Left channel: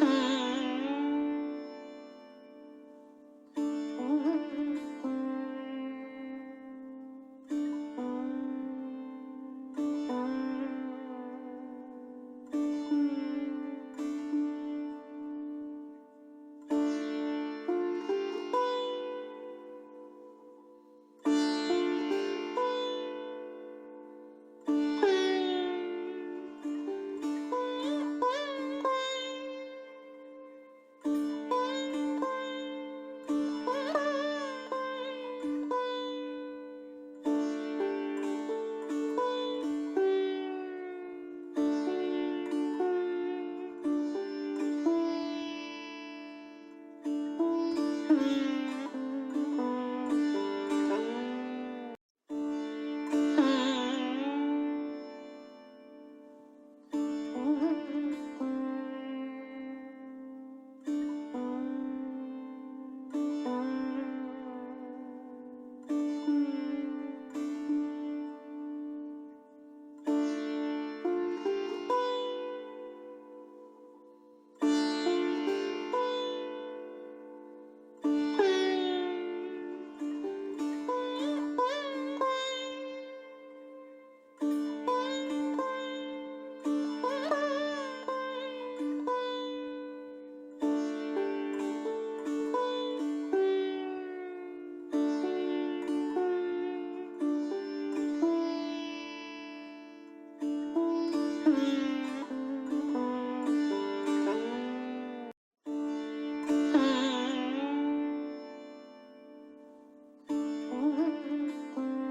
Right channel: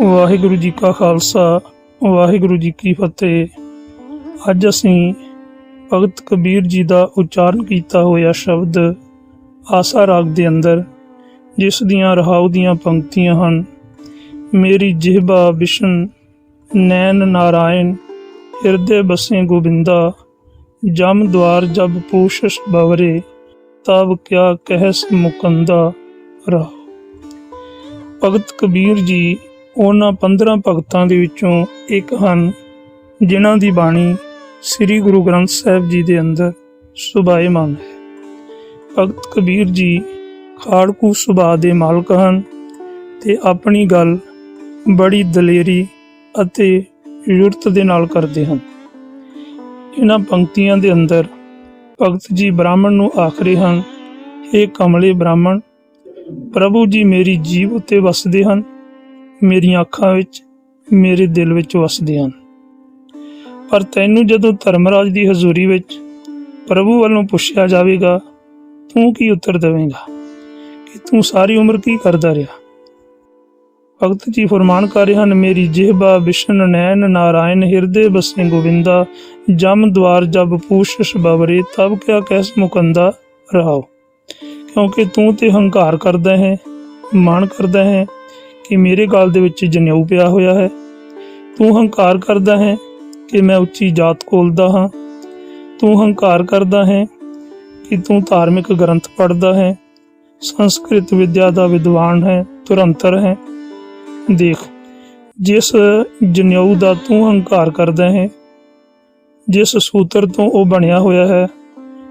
ਵਾਹਿਗੁਰੂ ਜੀ ਕਾ ਖਾਲਸਾ, ਵਾਹਿਗੁਰੂ ਜੀ ਕੀ ਫਤਿਹ। ਅੱਜ ਅਸੀਂ ਭਗਤ ਕਬੀਰ ਜੀ ਦਾ ਉਚਾਰਨ ਕੀਤਾ ਹੋਇਆ ਸ਼ਬਦ ਆਸਾ ਰਾਗ ਦੇ ਅੰਦਰ, ਜਿਸ ਦੀਆਂ ਰਹਾਉ ਦੀਆਂ ਪੰਕਤੀਆਂ ਹਨ, ਮੇਰੀ ਜਿਹਬਾ ਵਿਸ਼ਨ ਨੈਣ ਨਾਰਾਇਣ, ਹਿਰਦੇ ਬਸੇ ਗੋਬਿੰਦਾ, ਜਮ ਦਵਾਰ ਜਬ ਪੂਸ਼ਸ਼ ਬਵਰੇ ਤਬ ਕਿਆ ਕਹਿਸ ਮੁਕੰਦਾ, ਰਹਾ। ਭਗਤ ਕਬੀਰ ਜੀ ਉਹਨਾਂ 15 ਭਗਤਾਂ ਦੇ ਵਿੱਚੋਂ ਇੱਕ ਹਨ, ਜਿਨ੍ਹਾਂ ਦੀ ਬਾਣੀ ਸ੍ਰੀ ਗੁਰੂ ਗ੍ਰੰਥ ਸਾਹਿਬ ਜੀ ਦੇ ਅੰਦਰ ਸੁਭਾਏਮਾਨ ਹੈ। ਭਗਤ ਕਬੀਰ ਜੀ ਖਾੜਕੂ ਸੁਭਾਅ ਦੇ ਮਾਲਕ ਹਨ ਤੇ ਆਪਣੀ ਗੱਲ ਬੜੀ ਦਲੇਰੀ ਅਤੇ ਯੁਰਤ ਦੇ ਨਾਲ ਕਰਦੇ ਹਨ। ਇਹਨਾਂ ਪੰਕਤੀਆਂ ਦੇ ਅੰਦਰ ਭਗਤ ਜੀ ਬ੍ਰਾਹਮਣ ਨੂੰ ਆਖਰੇ ਹਨ ਇਹ ਕਮਲੇ ਬ੍ਰਾਹਮਣ, ਪ੍ਰਭੂ ਜੀ ਮੇਰੀ ਜੀਵ ਉੱਤੇ ਵਸਦੇ ਹਨ ਮੇਰੀਆਂ ਅੱਖਾਂ ਵਿੱਚ, ਮੇਰੇ ਦਿਲ ਵਿੱਚ ਵਸਦੇ ਹਨ। ਪਰ ਤੈਨੂੰ ਜਦੋਂ ਧਰਮਰਾਜ ਦੀ ਹਜ਼ੂਰੀ ਵਿੱਚ ਪ੍ਰਭੂ ਵੱਲੋਂ ਪੁੱਛਿਆ ਜਾਵੇਗਾ, ਤੂੰ ਕੀ ਉੱਤਰ ਦੇਵੇਂਗਾ? ਕਿ ਤੂੰ ਸਾਰੀ ਉਮਰ ਕੀ ਕਰਦਾ ਰਿਹਾ? ਭਗਤ ਜੀ ਫਰਮਾਨ ਕਰ ਰਹੇ ਹਨ, ਮੇਰੀ ਜਿਹਬਾ ਵਿਸ਼ਨ ਨੈਣ ਨਾਰਾਇਣ, ਹਿਰਦੇ ਬਸੇ ਗੋਵਿੰਦਾ, ਜਮ ਦਵਾਰ ਜਬ ਪੂਸ਼ਸ਼ ਬਵਰੇ ਤਬ ਕਿਆ ਕਹਿਸ ਮੁਕੰਦਾ ਰਹਾਓ ਕਿਉਂਕਿ ਤੂੰ ਤੇ ਹੰਕਾਰ ਕਰਦਾ ਹੈ, ਮਾਣ ਕਰਦਾ ਹੈ ਕਿ ਮੇਰੇ ਗਲ ਦੇ ਵਿੱਚ ਜਨੇਊ ਪਿਆ ਹੋਇਆ ਹੈ। ਤੂੰ ਹੰਕਾਰ ਕਰਦਾ ਹੈ ਕਿ ਮੈਂ ਉੱਚੀ ਜਾਤ ਕੋਲਦਾ ਹਾਂ। ਤੂੰ ਹੰਕਾਰ ਕਰਦਾ ਹੈ ਕਿ ਤੂੰ ਧਾਰਮਿਕ ਗ੍ਰੰਥ ਪੜ੍ਹਦਾ ਹੈ। ਸੰਸਕ੍ਰਿਤ ਵਿਦਿਆ ਦਾ ਵਿਦਵਾਨ ਹੈ, ਤੁਰੰਤਰ ਹੈ। ਦੇਖ, ਜਿਸ ਜਨੇਊ ਦਾ ਤੂੰ ਹੰਕਾਰ ਕਰਦਾ ਹੈ, ਜਿਸ ਸੂਤਰ ਤੋਂ ਉਹ ਬਣਿਆ ਹੋਇਆ ਹੈ,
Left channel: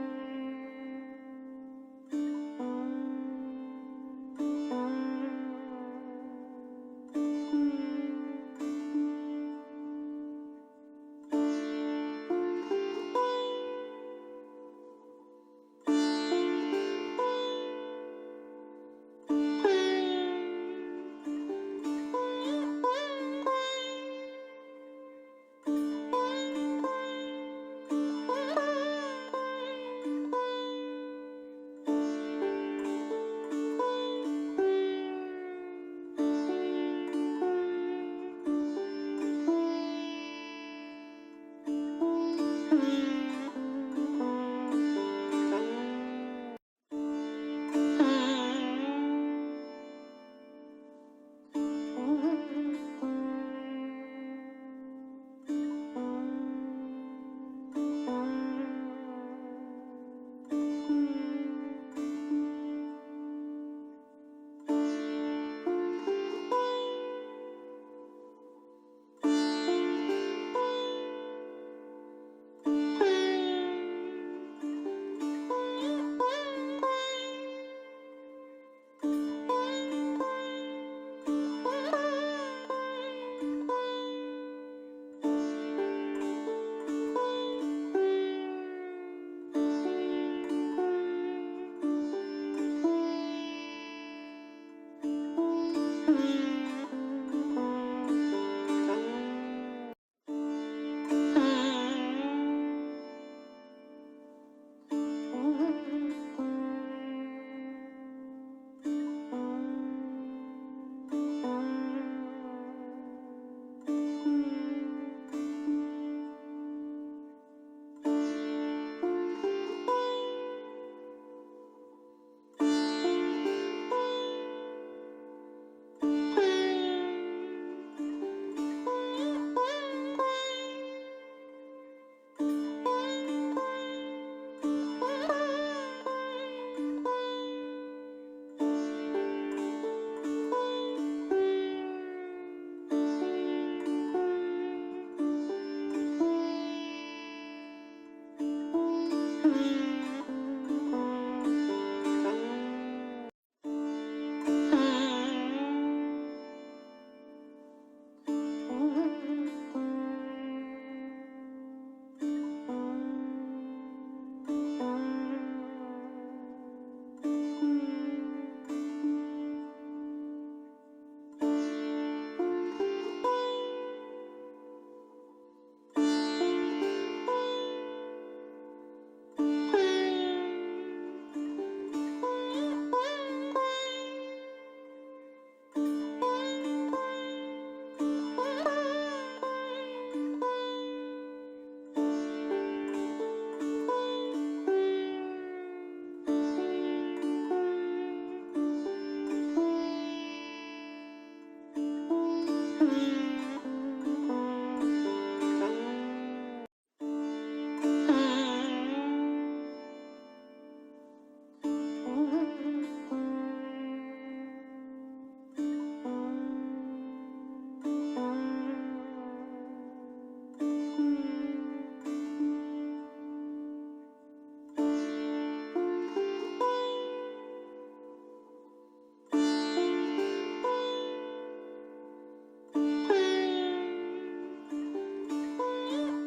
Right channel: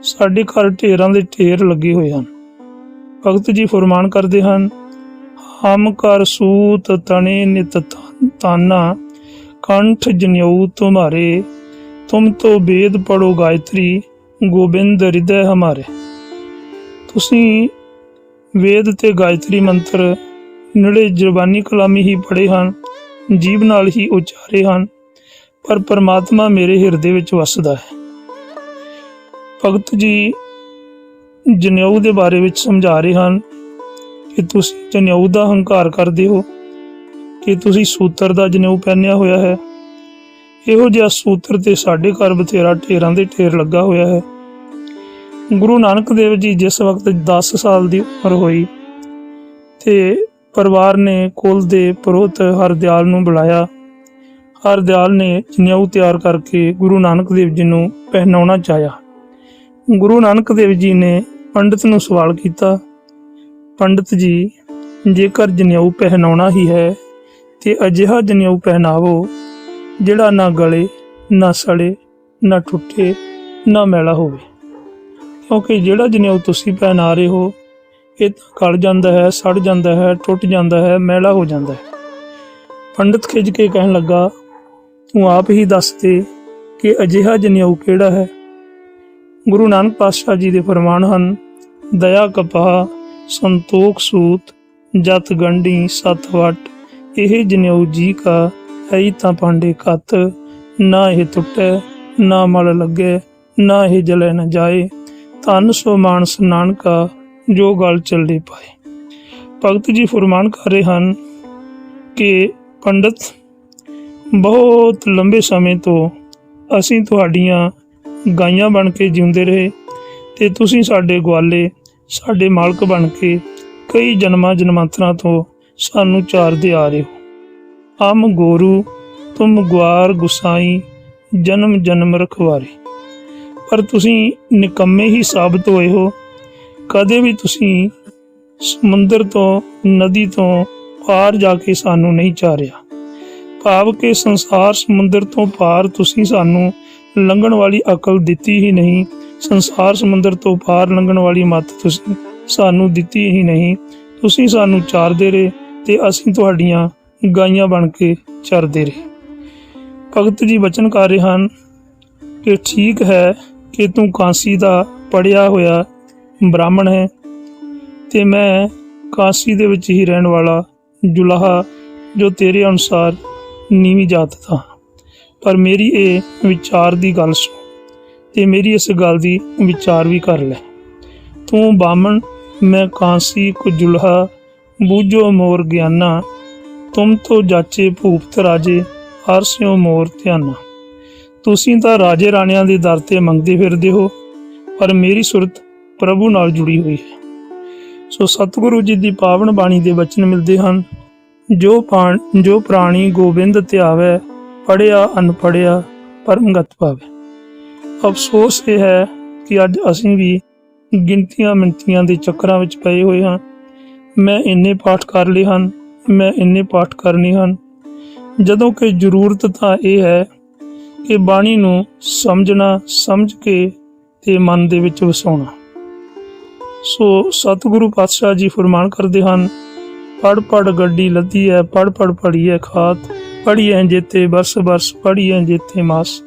ਸਾਡੇ ਘਰ ਢੇਰਾਂ ਦੇ ਢੇਰ ਲੱਗੇ ਹੋਏ ਹਨ। ਭਗਤ ਜੀ ਫਰਮਾਨ ਕਰਦੇ ਹਨ ਹਮ ਕਰ ਸੂਤ ਤਣੇ ਨਿਤ ਤਾਨਾ ਕੰਠ ਜਨਿਉ ਤੁਮਾਰੇ, ਤੁਮ ਤੋ ਵੇਦ ਪੜੋ ਗਾਇਤਰੀ, ਗੋਬਿੰਦ ਹਿਰਦੈ ਹਮਾਰੇ। ਤੁਸੀਂ ਵੇਦ ਤੇ ਗਾਇਤਰੀ ਮੰਤਰ ਨੇੜੇ ਜ਼ਬਾਨੀ ਕਲਾਮੀ ਹੀ ਪੜ੍ਹੇ ਹਨ, ਜੀਵ ਨਾਲ ਹੀ ਉਚਾਰੇ ਹਨ, ਪਰ ਪਰਮਾਤਮਾ ਮੇਰੇ ਹਿਰਦੇ ਵਿੱਚ ਵਸਦਾ ਹੈ। ਭਗਤ ਜੀ ਜਨੇਊ ਦੇ ਬਾਰੇ ਵਿੱਚ ਸਮਝਾ ਰਹੇ ਹਨ ਕਿ ਤੁਸੀਂ ਜਨੇਊ ਦਾ ਹੰਕਾਰ ਕਰਦੇ ਹੋ, ਕਿ ਤੁਸੀਂ ਸੂਤਰ ਦਾ ਜਨੇਊ ਪਹਿਨਿਆ ਹੋਇਆ ਹੈ। ਇਹੋ ਜਿਹਾ ਸੂਤਰ ਤੇ ਸਾਡੇ ਘਰ ਬਥੇਰਾ ਢੇਰਾਂ ਦੇ ਢੇਰ ਲੱਗਾ ਹੋਇਆ ਹੈ। ਗੁਰੂ ਨਾਨਕ ਦੇਵ ਜੀ ਜਿਸ ਵਕਤ 10 ਸਾਲ ਦੀ ਉਮਰ ਹੋਈ ਤੇ ਪਰਿਵਾਰ ਨੇ ਕੁਲ ਦੇ ਪੁਰੋਹਿਤ ਹਰਦਿਆਲ ਨੂੰ ਬੁਲਾਇਆ, ਹਰਦਿਆਲ ਨੇ ਜਨੇਊ ਤਿਆਰ ਕਰਕੇ ਗੁਰੂ ਨਾਨਕ ਦੇਵ ਜੀ ਨੂੰ ਪਹਿਨਾਉਣਾ ਚਾਹਿਆ। ਗੁਰੂ ਨਾਨਕ ਦੇਵ ਜੀ ਨੇ ਪੰਡਿਤ ਨੂੰ ਸਵਾਲ ਕੀਤਾ ਪੰਡਤ ਜੀ, ਜੇਕਰ ਜਨੇਊ ਪਹਿਨਾਉਣਾ ਹੀ ਹੈ, ਤੇ ਅਜਿਹਾ ਜਨੇਊ ਪਹਿਨਾਵੋ, ਜਿਹੜਾ ਨਾ ਗਲੇ, ਨਾ ਸੜੇ, ਨਾ ਟੁੱਟੇ, ਨਾ ਮੈਲਾ ਹੋਵੇ। ਕਿਉਂਕਿ ਜਿਹੜਾ ਜਨੇਊ ਤੁਸੀਂ ਪਹਿਨਾ ਰਹੇ ਹੋ, ਇਹ ਤਾਂ ਗਲ ਜਾਂਦਾ ਹੈ, ਸੜ ਜਾਂਦਾ ਹੈ, ਟੁੱਟ ਜਾਂਦਾ ਹੈ, ਮੈਲਾ ਹੋ ਜਾਂਦਾ ਹੈ। ਪੰਡਿਤ ਖਿੱਚ ਕੇ ਕਹਿਣ ਲੱਗਾ, ਤੂੰ ਆਪ ਹੀ ਦੱਸ ਦੇ ਕਿ ਅਜਿਹਾ ਜਨੇਊ ਕਿਹੜਾ ਹੈ? ਗੁਰੂ ਨਾਨਕ ਪਾਤਸ਼ਾਹ ਜੀ ਦੇ ਫਰਮਾਨ ਹਨ, ਦਇਆ ਕਪਾਹ ਸੰਤੋਖ ਸੂਤ, ਜਤ ਗੰਢੀ, ਸਤ ਵਟ, ਇਹ ਜਨੇਊ ਜੀ ਕਾ, ਹੈ ਤਾਂ ਪਾਂਡੇ ਕਤ, ਨਾ ਇਹ ਟੁੱਟੇ, ਨਾ ਮਲ ਲੱਗੇ, ਨਾ ਇਹ ਜਲੇ ਨਾ ਜਾਏ, ਧੰਨ ਸੋ ਮਾਨਸ ਨਾਨਕਾ, ਜੋ ਗਲ ਚੱਲੇ ਪਾਏ। ਭਗਤ ਜੀ ਫਰਮਾਨ ਕਰ ਰਹੇ ਹਨ ਕਿ ਪੰਡਤ, ਬਹੁਤ ਲੰਬੇ ਸਮੇਂ ਤੋਂ ਅਸੀਂ ਤੁਹਾਡੀਆਂ ਗਾਈਆਂ ਬਣ ਕੇ ਜਿਉਂਦੇ ਰਹੇ ਤੇ ਤੁਸੀਂ ਸਾਡੇ ਗਵਾਲੇ ਸਾਡੇ ਮਾਲਕ ਬਣ ਕੇ ਕਈ ਜਨਮਾਂ ਜਨਮਾਂਤਰਾਂ ਤੋਂ ਸਾਨੂੰ ਚਾਰਦੇ ਆ ਰਹੇ ਹੋ। ਅਮ ਗੋਰੂ, ਤੁਮ ਗਵਾਰ ਗੁਸਾਈ, ਜਨਮ ਜਨਮ ਰਖਵਾਰੇ। ਪਰ ਤੁਸੀਂ ਨਿਕੰਮੇ ਹੀ ਸਾਬਤ ਹੋਏ ਹੋ। ਕਦੇ ਵੀ ਤੁਸੀਂ ਸਮੁੰਦਰ ਤੋਂ, ਨਦੀ ਤੋਂ ਪਾਰ ਜਾ ਕੇ ਸਾਨੂੰ ਨਹੀਂ ਚਾਰਿਆ। ਭਾਵ ਕਿ ਸੰਸਾਰ ਸਮੁੰਦਰ ਤੋਂ ਪਾਰ ਤੁਸੀਂ ਸਾਨੂੰ ਲੰਘਣ ਵਾਲੀ ਅਕਲ ਦਿੱਤੀ ਹੀ ਨਹੀਂ। ਸੰਸਾਰ ਸਮੁੰਦਰ ਤੋਂ ਪਾਰ ਲੰਘਣ ਵਾਲੀ ਮੱਤ ਤੁਸੀਂ, ਸਾਨੂੰ ਦਿੱਤੀ ਹੀ ਨਹੀਂ। ਤੁਸੀਂ ਸਾਨੂੰ ਚਾਰਦੇ ਰਹੇ ਤੇ ਅਸੀਂ ਤੁਹਾਡੀਆਂ ਗਾਈਆਂ ਬਣ ਕੇ ਚਰਦੇ ਰਹੇ। ਭਗਤ ਜੀ ਬਚਨ ਕਰ ਰਹੇ ਹਨ ਕਿ ਠੀਕ ਹੈ ਕਿ ਤੂੰ ਕਾਂਸੀ ਦਾ ਪੜਿਆ ਹੋਇਆ ਬ੍ਰਾਹਮਣ ਹੈ ਤੇ ਮੈਂ ਕਾਂਸੀ ਦੇ ਵਿੱਚ ਹੀ ਰਹਿਣ ਵਾਲਾ ਜੁਲਾਹਾ ਜੋ ਤੇਰੇ ਅਨੁਸਾਰ ਨੀਵੀਂ ਜਾਤ ਦਾ ਪਰ ਮੇਰੀ ਇਹ ਵਿਚਾਰ ਦੀ ਗੱਲ ਸੁਣ ਤੇ ਮੇਰੀ ਇਸ ਗੱਲ ਦੀ ਵਿਚਾਰ ਵੀ ਕਰ ਲੈ। ਤੂੰ ਬਾਮਣ ਮੈਂ ਕਾਂਸੀ ਕੁ ਜੁਲਹਾ ਬੂਝੋ ਮੋਰ ਗਿਆਨਾ, ਤੁਮ ਤੋ ਜਾਚੇ ਭੂਪਤ ਰਾਜੇ, ਹਰ ਸਿਓ ਮੋਰ ਧਿਆਨਾ। ਤੁਸੀਂ ਤਾਂ ਰਾਜੇ ਰਾਣਿਆਂ ਦੇ ਦਰ ਤੇ ਮੰਗਦੇ ਫਿਰਦੇ ਹੋ, ਪਰ ਮੇਰੀ ਸੁਰਤ ਪ੍ਰਭੂ ਨਾਲ ਜੁੜੀ ਹੋਈ ਹੈ। ਸੋ ਸਤਿਗੁਰੂ ਜੀ ਦੀ ਪਾਵਨ ਬਾਣੀ ਦੇ ਬਚਨ ਮਿਲਦੇ ਹਨ, ਜੋ ਪਾਣ, ਜੋ ਪ੍ਰਾਣੀ ਗੋਬਿੰਦ ਧਿਆਵੈ ਪੜਿਆ ਅਨਪੜਿਆ ਪਰਮਗਤ ਪਾਵੇ ਅਫਸੋਸ ਇਹ ਹੈ ਕਿ ਅੱਜ ਅਸੀਂ ਵੀ ਗਿਣਤੀਆਂ ਮਿੰਤੀਆਂ ਦੇ ਚੱਕਰਾਂ ਵਿੱਚ ਪਏ ਹੋਏ ਹਾਂ। ਮੈਂ ਇੰਨੇ ਪਾਠ ਕਰ ਲਏ ਹਨ, ਮੈਂ ਇੰਨੇ ਪਾਠ ਕਰਨੇ ਹਨ। ਜਦੋਂ ਕਿ ਜ਼ਰੂਰਤ ਤਾਂ ਇਹ ਹੈ ਕਿ ਬਾਣੀ ਨੂੰ ਸਮਝਣਾ, ਸਮਝ ਕੇ ਤੇ ਮਨ ਦੇ ਵਿੱਚ ਵਸਾਉਣਾ। ਸੋ ਸਤਿਗੁਰੂ ਪਾਤਸ਼ਾਹ ਜੀ ਫਰਮਾਨ ਕਰਦੇ ਹਨ ਪੜ ਪੜ ਗੱਡੀ ਲੱਦੀ ਹੈ ਪੜ ਪੜ ਹੈ ਖਾਤ। ਪੜੀਏ ਜੇਤੇ ਬਰਸ ਬਰਸ ਪੜੀਏ ਜੇਤੇ ਮਾਸ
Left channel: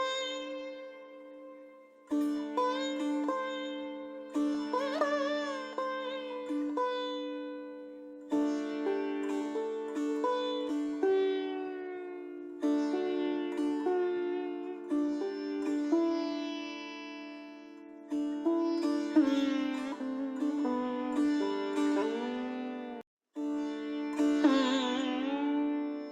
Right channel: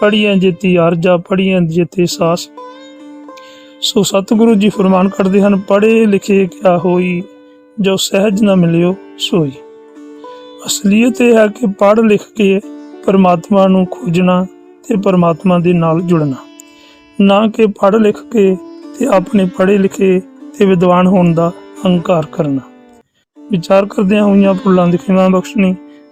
ਪੜੀਏ ਜੇਤੀ ਅਰਜਾ ਪੜੀਏ ਜੇਤੇ ਸਾਸ। ਸੋ ਸਤਿਗੁਰੂ ਜੀ ਫਰਮਾਨ ਕਰਦੇ ਹਨ ਪੜੇ ਲਿਖੇ ਕਿਆ ਹੋਈ, ਜੋ ਸਹਿਜ ਨਾ ਮਿਲਿਓ ਸੋਈ। ਅਸਲੀਅਤ ਇਹ ਹੈ ਕਿ ਪੜ ਲਿਖ ਕੇ ਪਰਮਾਤਮਾ ਨੂੰ ਖੋਜਣਾ ਤੇ ਪਰਮਾਤਮਾ ਦੇ ਨਾਲ ਜੁੜਨਾ। ਨਾ ਕਿ ਪੜ ਲਿਖ ਕੇ ਤੇ ਆਪਣੇ ਪੜੇ ਲਿਖੇ ਤੇ ਵਿਦਵਾਨ ਹੋਣ ਦਾ ਹੰਕਾਰ ਕਰਨਾ। ਵਿਚਾਰ ਕਰਦਿਆਂ ਹੋਈਆਂ ਭੁੱਲਾਂ ਦੀ ਖਿਮਾ ਬਖਸ਼ਣੀ।